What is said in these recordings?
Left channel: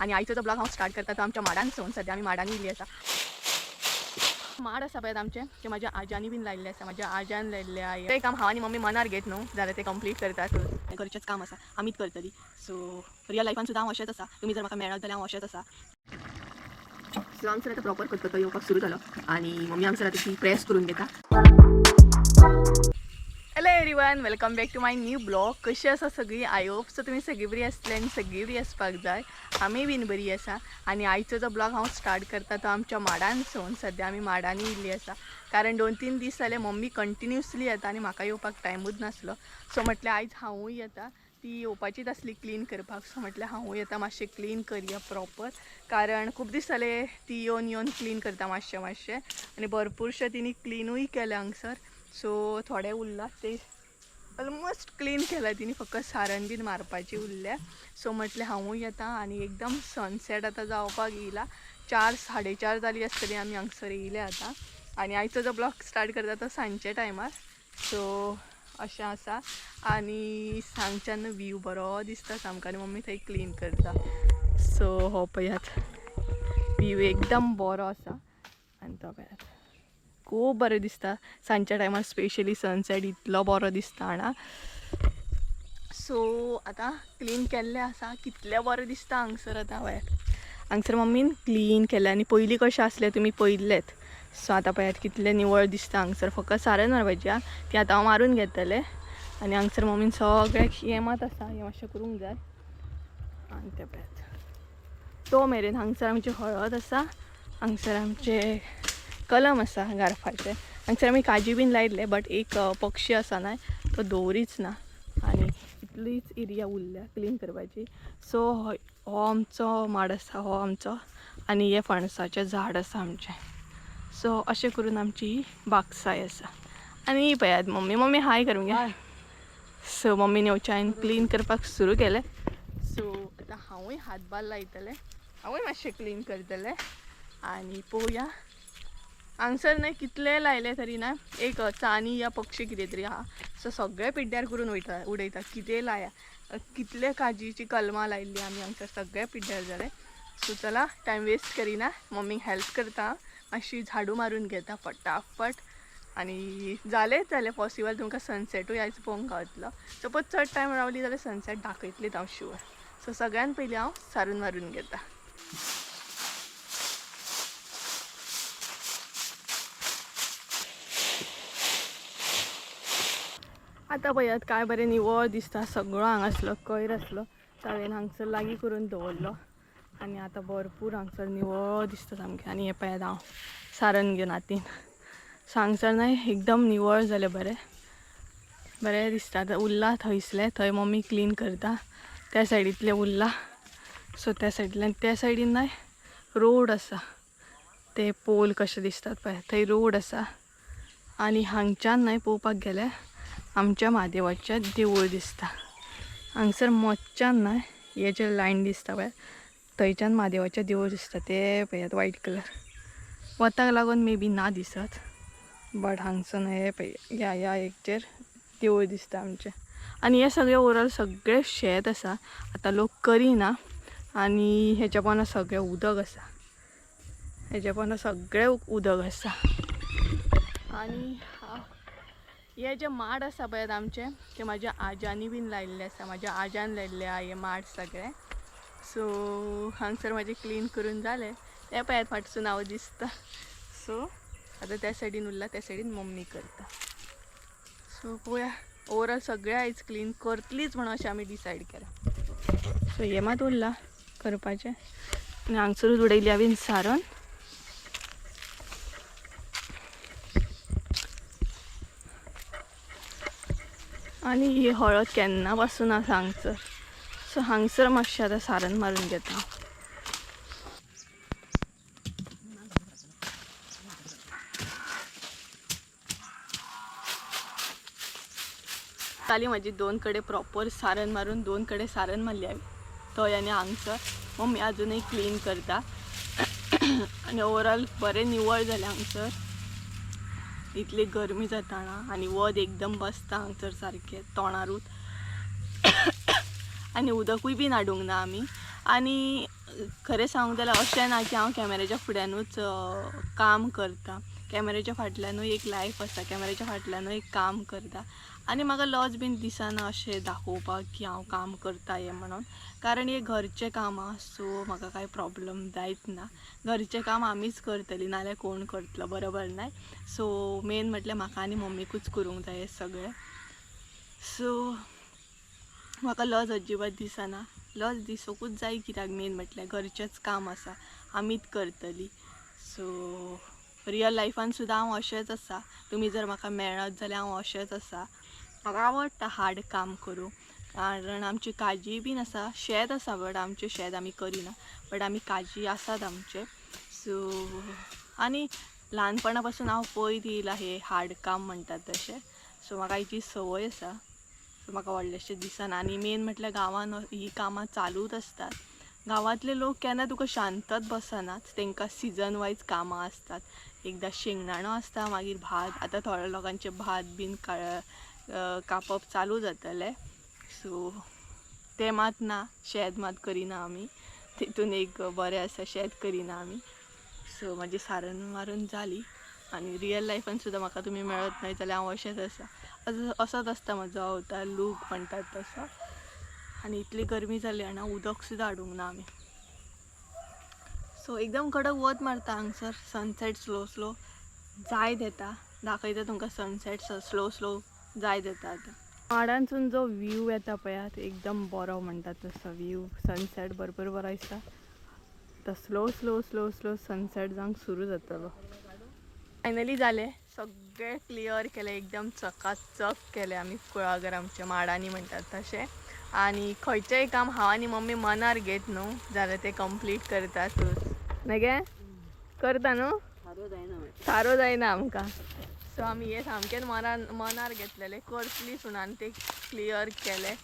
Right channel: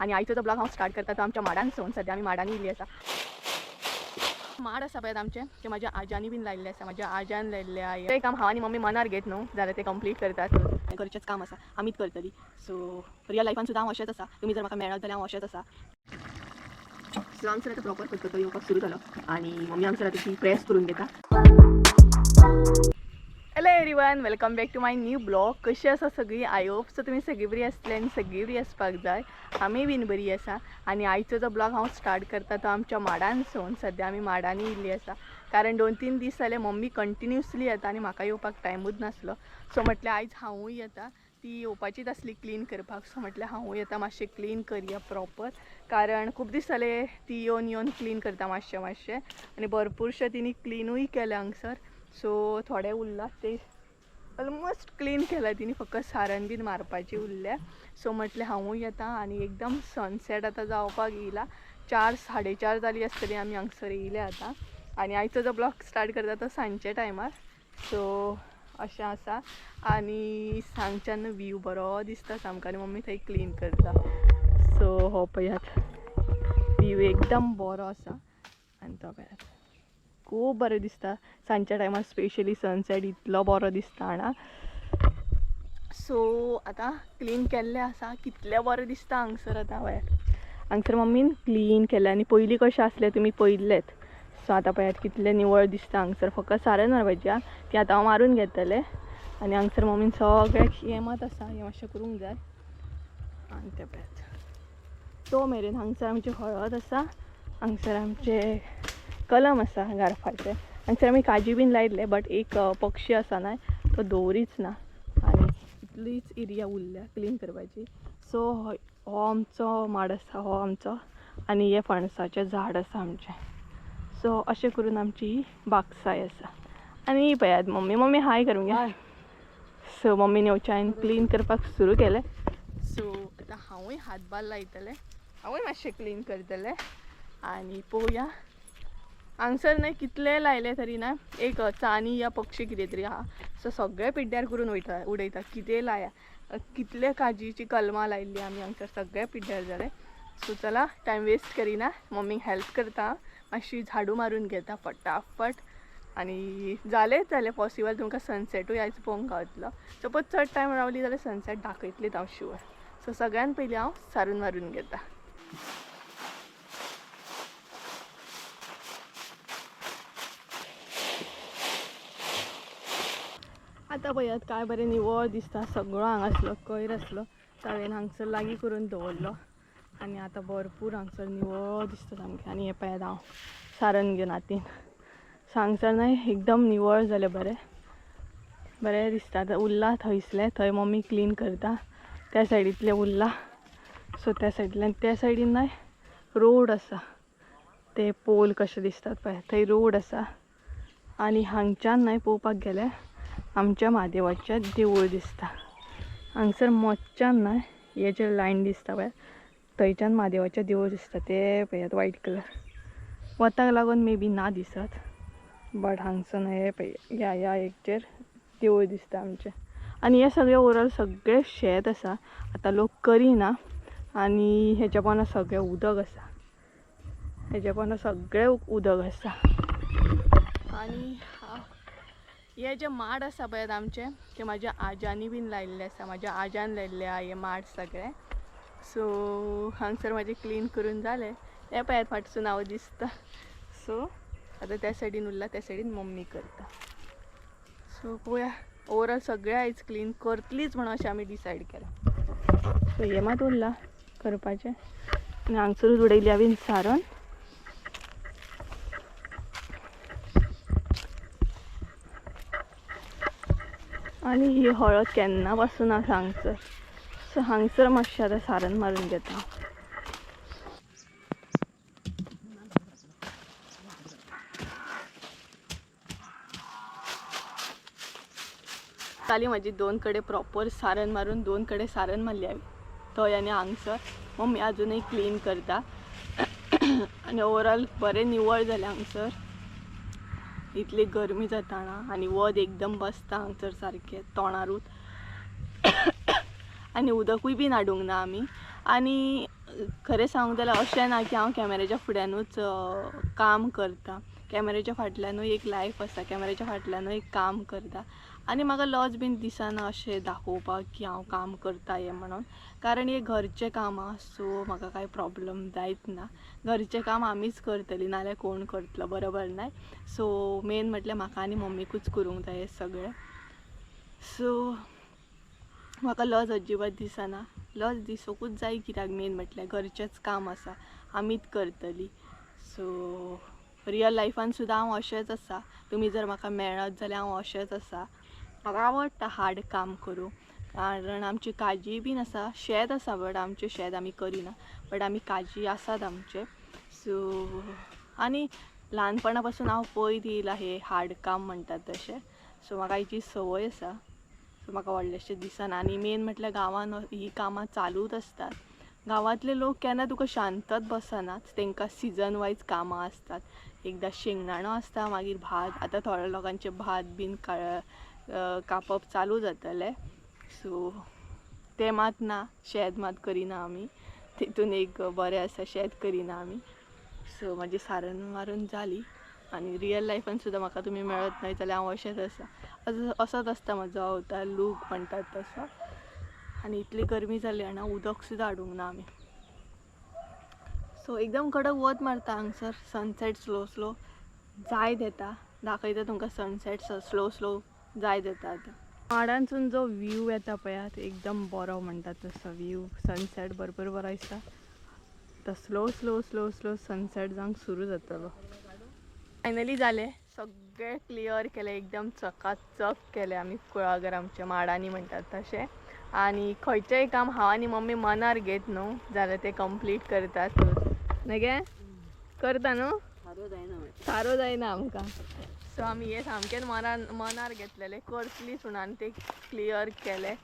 आणि आईचो जो ब्लॉग हांव स्टार्ट करता तो आमच्या माडांसून. सध्या आमी माडांनी येयल्ली आसा. माड आसा पळय आमचे ते म्हाज्या आज्यानी बीन लायल्ले आसा. म्हाज्या आज्यान लायल्ले आय ते काम हांव आनी मम्मी मनार घेत न्हू जाल्यार ते कंप्लीट करतात. घरचेंच काम आसा आमीच करतली. सो रियल लायफान सुद्दां हांव अशेंच आसा. तुमी जर म्हाका मेळत जाल्यार हांव अशेंच आसा. सो हांगसर आतां प्रॉपर करतो येवपाक सुरू जालो आणि मम्मी हांगसर आतां ती प्रेस करून घेता. Hello everyone, welcome back to my new blog. कशी आसा सगळी? आय होप सो तुमी सगळी बरी आसतली आनी सगळी बरी आसपाक जाय. आमी बीन बरी आसा. आणि आयचो जो ब्लॉग हांव स्टार्ट करता तो आमच्या माडांसून. सध्या आमी माडांनी येयल्ली आसा कारण 2-3 दीस जाले मम्मी कंटिन्युअसली येता आणि म्हाका येवपाक टायमूच नासलो. सो म्हटलें आयज हांवूय येता. ती येवपाचीच आसली क्लीन करपाक. सो म्हटलें हांवूय येता, मातशें क्लीन करया प्रॉपर. कारण खूब दीस जाले ती येवन क्लीन करता मातशें आणि भरपूरशें तिणी क्लीनूय केलें हांगसर. सो थोडे उरला ते ऑलमोस्ट क्लीन केला तिने, फक्त सारण बीन मारपाची उरल्या. सो म्हटलें हांवूय येता आणि एकदम सनसेट आतां जावपाक येयला. 4-4:30 जाली आसतली आमी हांगसर येयले आतां. आणि आयचो जो ब्लॉग स्टार्ट करता तो सांजचे टायमार. सो अशें आसा आणि सांगच्यान व्यू बरो दिसता सामको आनी मम्मी थंय क्लीन करता. सो हो पळयात व्यू एकदम बरो आसा आनी तो पळयात खूब बरें दिसता सांजच्या टायमार. स्पेशली सनसेट इतलो बरो दिसता हांगा. सो आतां क्लीन केल्लें आसा. कितलें बरें दिसता हांगसर आतां पळयात. हांगसर मम्मीन क्लीन केलें आनी पयलीं कशें आसलें तुमी पळयल्लेत. सो आतां पळयात कितलें निवळ दिसता हांगसर. फक्त सारण मारपाची आहा ती आतां हांव मारून घेतलें. आनी हांगसर मम्मीन सगळें हेमात आसा, हें मातशें करूंक जाय. आनी तें पळयात तो मेरेन हांगसर आमची हळद आसा. हांगसर आमचे कलम आसा गारफाचे. हांगसर आमी काजी बीन लायल्ले बट एक पक्षी आसा ना तो दवरीच ना आनी इतलीच एरिया उरल्या क्लीन करपाची. सो हो आमचो माड आसा, हो आमचो. आनी हे फणसाचें झाड आसा आमचें. सो अशें करून आमची ही बागसाय आसा. आनी पळयात मम्मी हाय करूंक घ्या. सो मम्मीन येवच्यान क्लीन करपाक सुरू केलें. सो आतां हांवूय हातभार लायतलें, हांवूय मातशें क्लीन करतलें. आनी पळोवया हांगसर न्हय कितले लायले तरी ना एक चानी या पक्षी कितें तरी आहा. सो सगळे पिड्ड्यार करून उडयता. कितें लाया, कितले काजीची कलमां लायिल्ली आमी हांगसर, सगळे पिड्ड्यार जाले. सो चला टायम वेस्ट करिना, मम्मीक हेल्प करता. मातशी झाडू मारून घेता फटाफट. आनी जालें पॉसिबल तुमकां सनसेटूय आयज पळोवंक गावतलो. सपोज चड टायम रावली जाल्यार सनसेट दाखयतलीच हांव शुअर. सो सगळ्यान पयलीं हांव सारून मारून घेता. आतां पळयात काय बरें निवळ दिसता. सगळो हांगासलो कोयर आसलो तो हांवें हांगसर लागीं करून दवरलो आनी आतां भरपूर हांगसर निवळ दिसता सामकें. आनी हें पळयात हांव सारण घेवन हातीन. सो हांगसर न्हय एकदम निवळ जालें, बरें दिसता. आतां उरला थंयसलें, थंय मम्मी क्लीन करता. त्या सायडींतलें उरला. सो त्या सायडींतल्यान त्या सायडीन न्हय रोड आसा. ते पोल कशें दिसतात पळय, थंय रोड आसा. आनी हांगच्यान न्हय पळोवपाक गेल्यार आमच्या महादेवाचें देवूळ दिसता. हांगसर मोच्च्यान न्हय हे जे लायन दिसता पळय थंयच्यान महादेवाचें देवूळ दिसता. ते पळयात व्हायट कलर वताक लागून मे बी ना दिसत बट हांगसर न्हय हे पळय ह्या एकचेर देवूळ दिसता आमचें. आनी हे सगळें ओवरऑल सगळें शेत आसा. आतां लोक करिना आनी हेच्या पोंदा सगळें उदक आसा. हेच्या पोंदा सगळें उदक आसा. आनी हे जे माड आसा पळयात आमचे ते म्हाज्या आज्यानी बीन लायिल्ले आसा. म्हाज्या आज्यान लायिल्ले आहा हे माड सगळे. सो हांगसर म्हाजें क्लीन करून जालें. हे पळयात फाटसून हांव दिसता. सो आतां त्या सायडीन उरला, त्या सायडीन मम्मी करता. सो पळोवया ओवरऑल सगळें आयज क्लीन करतलीच म्हणून अशें आमी डिसायड केलां. सो हें मात उरलां करपाचें आनी हांगसरूच उडयल्या बीन सारण. आनी ही हळद केन्ना पासून आसा हांगसर. सो हांगसर मातशें आतां सारण मारून घेता. जाली म्हाजी 2 कडे प्रॉपर सारण मारून, 2 कडे सारण मारली हांवें थंय आनी हांगसर. मम्मी अजूनय क्लीन करता. आनी ओवरऑल बरें निवळ जालें हांगसर. इतली गरमी जाता हांगा आनी वत एकदम बसता हांगसर सारकें तोंडारूच. आनी उदकूय बीन हाडूंक ना आमी. आनी खरें सांगूंक जाल्यार अशें ना की हांव कॅमेऱ्याच्या फुड्यानूच काम करता. कॅमेऱ्याच्या फाटल्यानूय एक लायफ आसा, कॅमेऱ्याच्या फाटल्यानूय एक काम करता. आनी म्हाका लज बीन दिसना अशें दाखोवपाक की हांव काम करता हें म्हणून. कारण हे घरचें काम आसा, सो म्हाका कांय प्रॉब्लम जायत ना. घरचें काम आमीच करतलीं, नाल्यार कोण करतलो, बरोबर न्हय. सो मेन म्हटल्यार म्हाका आनी मम्मीकूच करूंक जाय हें सगळें. सो म्हाका लज अजिबात दिसना. लज दिसोकूच जाय, कित्याक मेन म्हटल्यार घरचेंच काम आसा, आमीच करतलीं. सो रियल लायफान सुद्दां हांव अशेंच आसा. तुमी जर म्हाका मेळत जाल्यार हांव अशेंच आसा. म्हाका आवडटा हार्ड काम करूंक. कारण आमची काजी बीन आसा, शेत आसा, बट आमचें शेत आमी करिना, बट आमी काजी आसात आमचे. सो आनी ल्हानपणा पासून हांव पळयत येयलां हे हार्ड काम म्हणटात तशें. सो म्हाका हेची संवय आसा. सो म्हाका व्हडलेशें दिसना. आनी मेन म्हटल्यार गांवांत ही कामां चालूच आसतात. गांवांतले लोक केन्ना तुका शांतच बसनात, तांकां सिजन वायज कामां आसतात. एकदां शेंगदाणो आसता, मागीर भात. आतां थोड्या लोकांचे भात बीन कापप चालू जातलें. सो तें मात ना, शेत मात करिना आमी. तितून एक बरें आसा, शेत करिना आमी. सो म्हाजी सारण मारून जाली. आनी रियल लायफान सुद्दां म्हाका तुमी मेळत न्हय जाल्यार हांव अशेंच आसा. असोच आसता म्हजो अवतार, लूक म्हणटात तसो. आनी इतली गरमी जाली आनी उदक सुद्दां हाडूंक ना आमी. सो एकदम कडक वत मारता हांगसर. सनसेट स्लो स्लो जायत येता. दाखयता तुमकां सनसेट स्लो स्लो जायत येता. आतां माडांसून जो व्यू येता पळयात, एकदम बरो म्हणटात तसो व्यू. सनसेट भरपूर बरो दिसता. आतां slow slow slow slow sunset जावंक सुरू जातलो. फायनली जालें, सगळें क्लियर केलें, एकदम चकाचक केलें आमी कुळागर आमच्या माडांनी म्हणटात तशें. आनी खंयचेंय काम हांव आनी मम्मी मनार घेत न्हू जाल्यार तें कंप्लीट करतात. न्हय गे, करता न्हू, सारो जायना आमकां. सो आमी हे सामकेंच मनार घेतलेलें, करतलीं म्हणून आनी तें क्लियर केलें.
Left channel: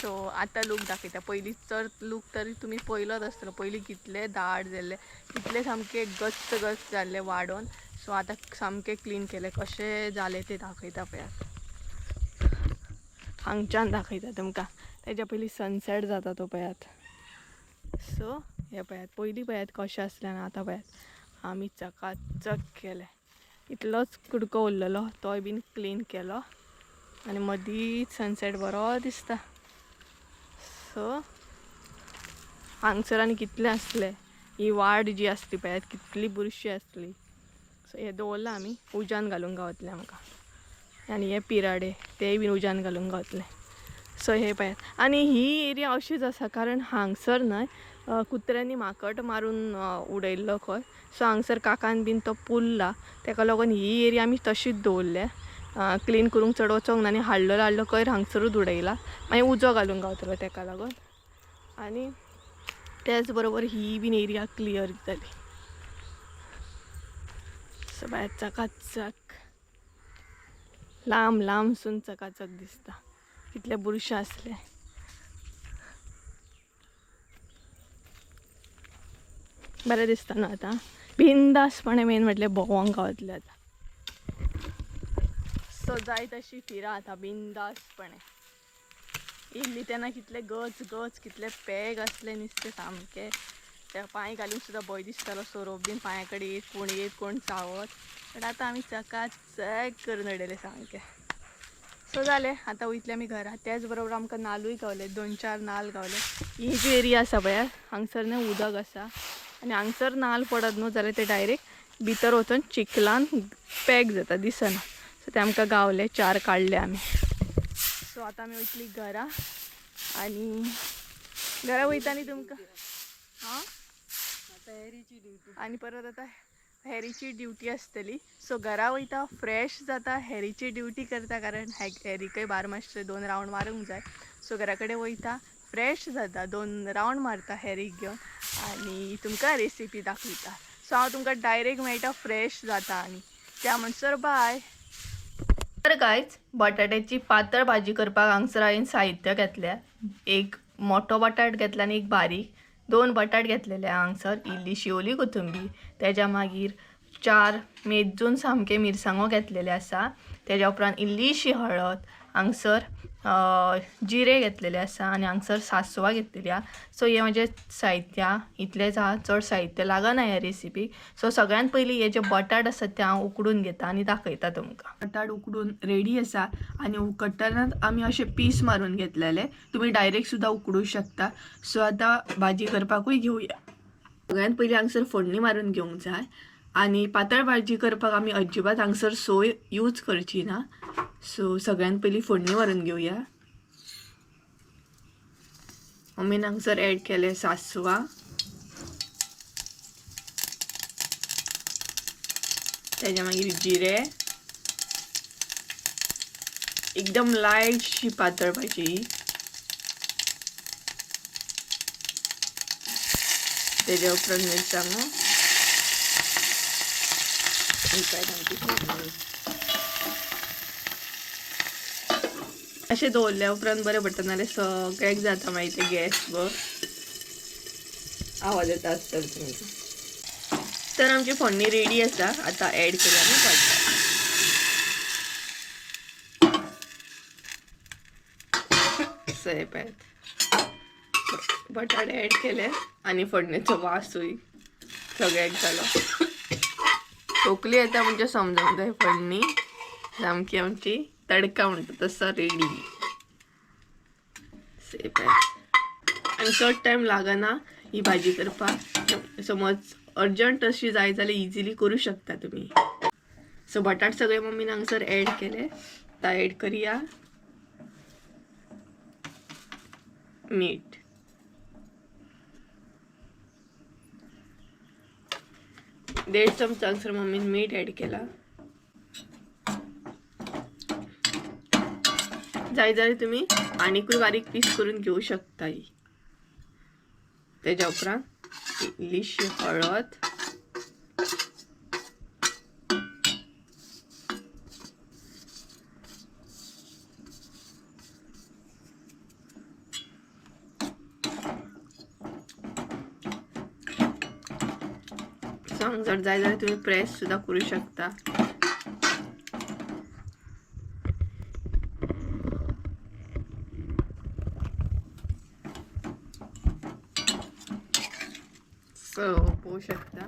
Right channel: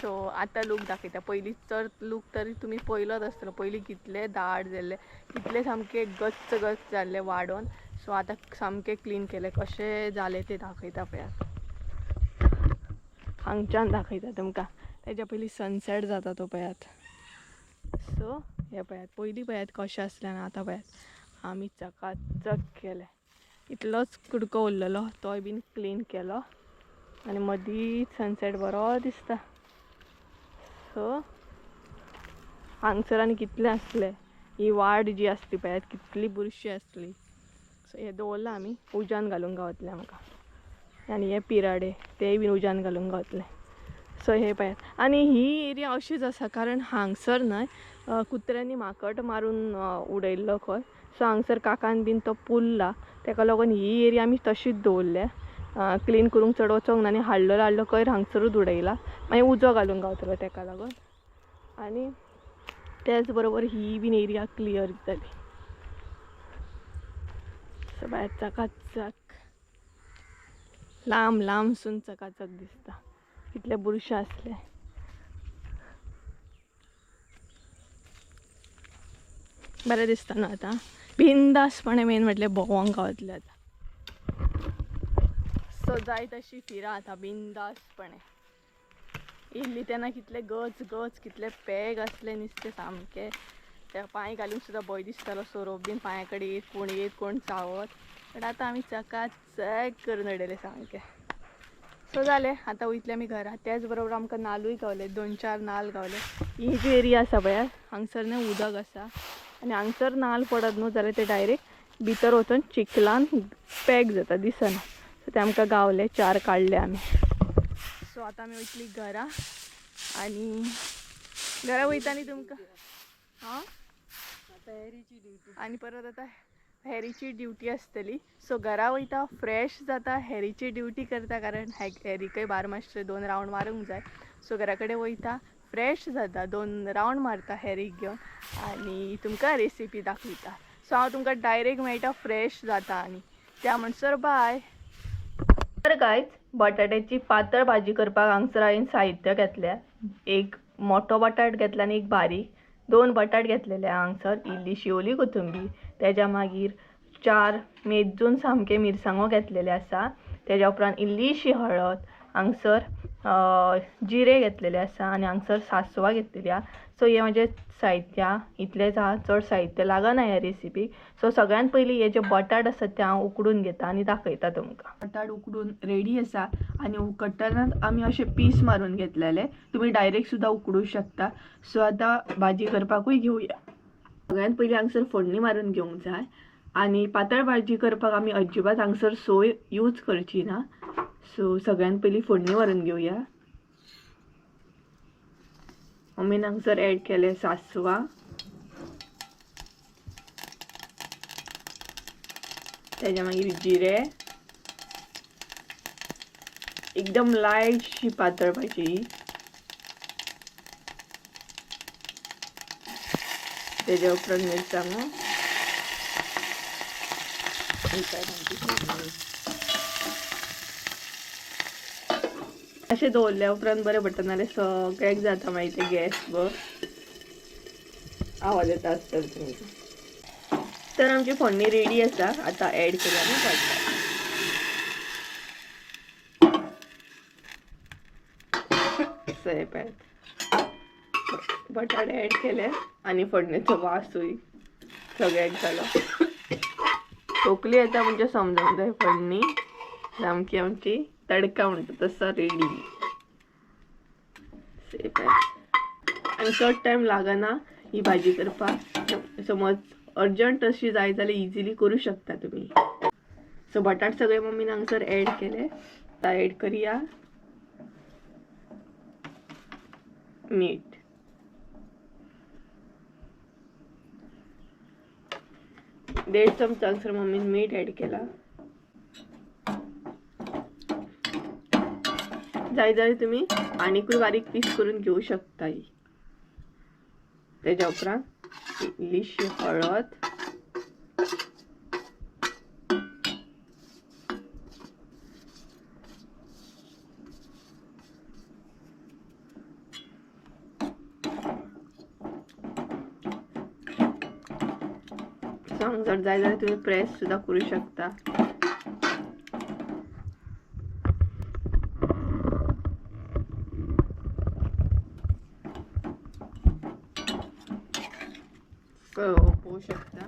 सो आतां लूक दाखयता. पयलीं तर लूक तरी तुमी पयलोच आसतलो. पयलीं कितले दाट जाल्ले, कितले सामके गच्च गच्च जाल्ले वाडोवन. सो आतां सामकें क्लीन केलें. कशें जालें तें दाखयता पळयात. हांगच्यान दाखयता तुमकां. तेज्या पयलीं सनसेट जाता तो पळयात. सो हे पळयात, पयलीं पळयात कशें आसलें आनी आतां पळयात. आमी चकाचक केलें. इतलोच कुडको उरलेलो, तोय बीन क्लीन केलो. आनी मदींच सनसेट बरो दिसता. सो हांगसर आनी कितलें आसलें. ही वाड जी आसली पळयात, कितली बुरशी आसली. सो हे दवरलां आमी, उज्यान घालूंक गावतलें आमकां. आनी हे पिराडे तेय बीन उज्यान घालूंक गावतलें. सो हे पळयात. आनी ही एरिया अशीच आसा कारण हांगसर न्हय कुत्र्यांनी माकड मारून उडयल्लो खंय. सो हांगसर काकान बीन तो पुरला, तेका लागून ही एरिया आमी तशीच दवरल्या. क्लीन करूंक चड वचोंक ना. आनी हाडलो कोयर हांगसरूच उडयला. मागीर उजो घालूंक गावतलो तेका लागून. आनी त्याच बरोबर ही बीन एरिया क्लियर जाली. सो भायर चकाचक, लांब लांबसून चकाचक दिसता. कितले बुरशे आसले. बरें दिसता न्हू आतां. बिंदासपणे मेन म्हटल्यार भोंवोंक गावतलें आतां. सो जाय तशी फिरा आतां बिंदासपणे. इल्ली तेन्ना कितले गच गच, कितले पॅग आसले नुस्तें सामकें. त्या पांय घालूंक सुद्दां भंय दिसतालो. सोरोप बीन पांया कडेन येत कोण चावत. बट आतां आमी चकाचक करून उडयलें सामकें. सो जालें, आतां वयतले आमी घरा. त्याच बरोबर आमकां नाल्लूय गावले, 2-4 नाल्ल गावले. ही जी एरिया आसा पळय, हांगसर न्हय उदक आसा. आनी हांगसर नाल्ल पडत न्हू जाल्यार ते डायरेक्ट भितर वचून चिखलान पॅक जाता, दिसना. सो ते आमकां गावले, 4 काडले आमी. सो आतां आमी वयतली घरा. आनी घरा वयतानी तुमकां आनी परत आतां हेरीची ड्युटी आसतली. सो घरा वयता, फ्रेश जाता, हेरीची ड्युटी करता. कारण हेरीकय बारमासचे 2 रावंड मारूंक जाय. सो घरा कडेन वयता, फ्रेश जाता, 2 रावंड मारता हेरीक घेवन. आनी तुमकां रेसिपी दाखयता. सो हांव तुमकां डायरेक्ट मेळटा फ्रेश जाता. आनी त्या म्हणसर बाय. तर गायज, बटाट्याची पातळ भाजी करपाक हांगसर हांवें साहित्य घेतल्या. एक मोठो बटाट घेतला आनी एक बारीक. 2 बटाट घेतलेले हांगसर. इल्ली शिवली कोथंबीर. तेज्या मागीर 4 मेजून सामके मिरसांगो घेतलेले आसा. तेज्या उपरांत इल्लीशी हळद, हांगसर जिरे घेतलेले आसा आनी हांगसर सासवां घेतलेली आहा. सो हे म्हणजे साहित्य इतलेंच आहा, चड साहित्य लागना ह्या रेसिपीक. सो सगळ्यात पयलीं हे जे बटाट आसात ते हांव उकडून घेता आनी दाखयता तुमकां. बटाट उकडून रेडी आसा आनी कट्टरांत आमी अशे पीस मारून घेतलेले. तुमी डायरेक्ट सुद्दां उकडूंक शकता. सो आतां भाजी करपाकूय घेवया. सगळ्यात पयलीं हांगसर फोडणी मारून घेवंक जाय आनी पातळ भाजी करपाक आमी अजिबात हांगसर सोय यूज करची ना. सो सगळ्यात पयलीं फोडणी मारून घेवया. मम्मीन हांगसर ऍड केले सासवां, तेज्या मागीर जिरे, एकदम लायटशी पातळ भाजी, तेज्या उपरांत मिरसांगो, अशें दवरल्या उपरांत बरें पडटा, नाल्यार सगळ्याक जाता मागीर ते गॅस वर आवाज येता आसतना तुमी. तर आमची फोडणी रेडी आसा. आतां ऍड केल्या न्हू बटाट ऍड केले आनी फोडणेचो वासूय सगळ्याक जालो. तोकली येता म्हणजे समजूंक जाय फोडणी सामकी आमची तडका म्हणटा तसा रेडी. आनी चड टायम लागना ही भाजी करपाक. समज अर्जंट अशी जाय जाल्यार इजिली करू शकता तुम्ही. सो बटाट सगळे मम्मीन हांगसर ऍड केले. आता ऍड करूया मीठ. 1.5 चमचा हांगसर मम्मीन मीठ ऍड केला. जाय जाल्यार तुम्ही आनीकूय बारीक पीस करून घेऊ शकता. तेज्या उपरांत इल्लीशी हळद, जर जाय जाल्यार तुम्ही प्रेस सुद्धा करू शकता. सो पळोवंक शकता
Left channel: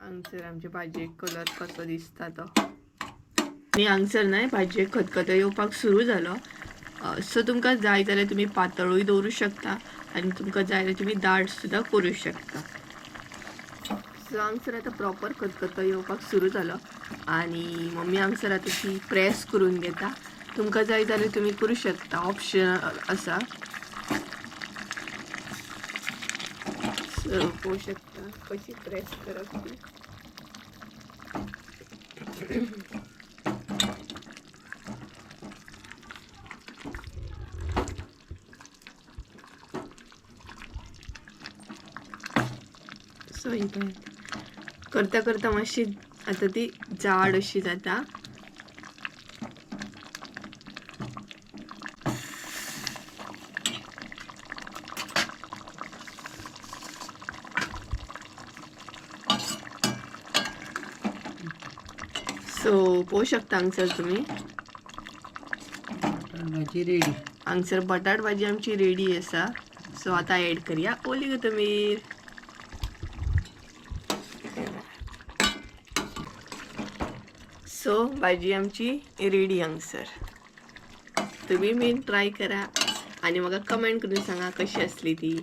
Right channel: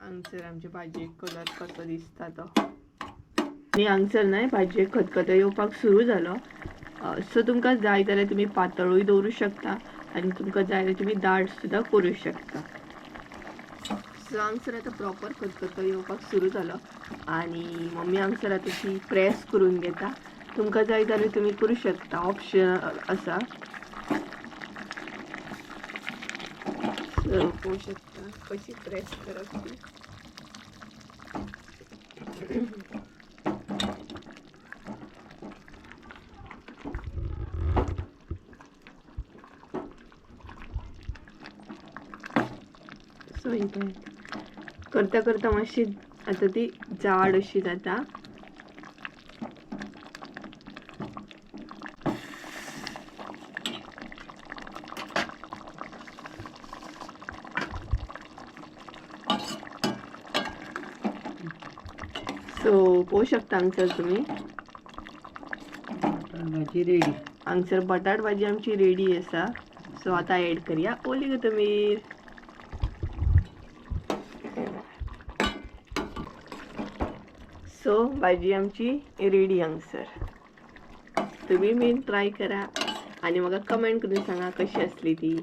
हांगसर आमची भाजयेक कलर कसो दिसता तो. आनी हांगसर न्हय भाजयेक खतखतो येवपाक सुरू जालो. सो तुमकां जाय जाल्यार तुमी पातळूय दवरूं शकता आनी तुमकां जाय जाल्यार तुमी दाट सुद्दां करूं शकता. सो हांगसर आतां प्रॉपर खतखतो येवपाक सुरू जालो आनी मम्मी हांगसर आतां ती प्रेस करून घेता. तुमकां जाय जाल्यार तुमी करूं शकता, ऑप्शनल आसा. सो पळोवंक शकता कशी प्रेस करप ती. सो करता करता मातशी आतां ती जाड अशी जाता. सो पळोवंक शकता हांगसर तुमी भाजी रेडी. हांगसर बटाट भाजी आमची रेडी आसा. सो आतां ऍड करूया ओली कोथंबीर. सो भाजी आमची रेडी हांगसर. तुम्ही बीन ट्राय करा आनी म्हाका कमेंट करून सांगा कशी आसली ती.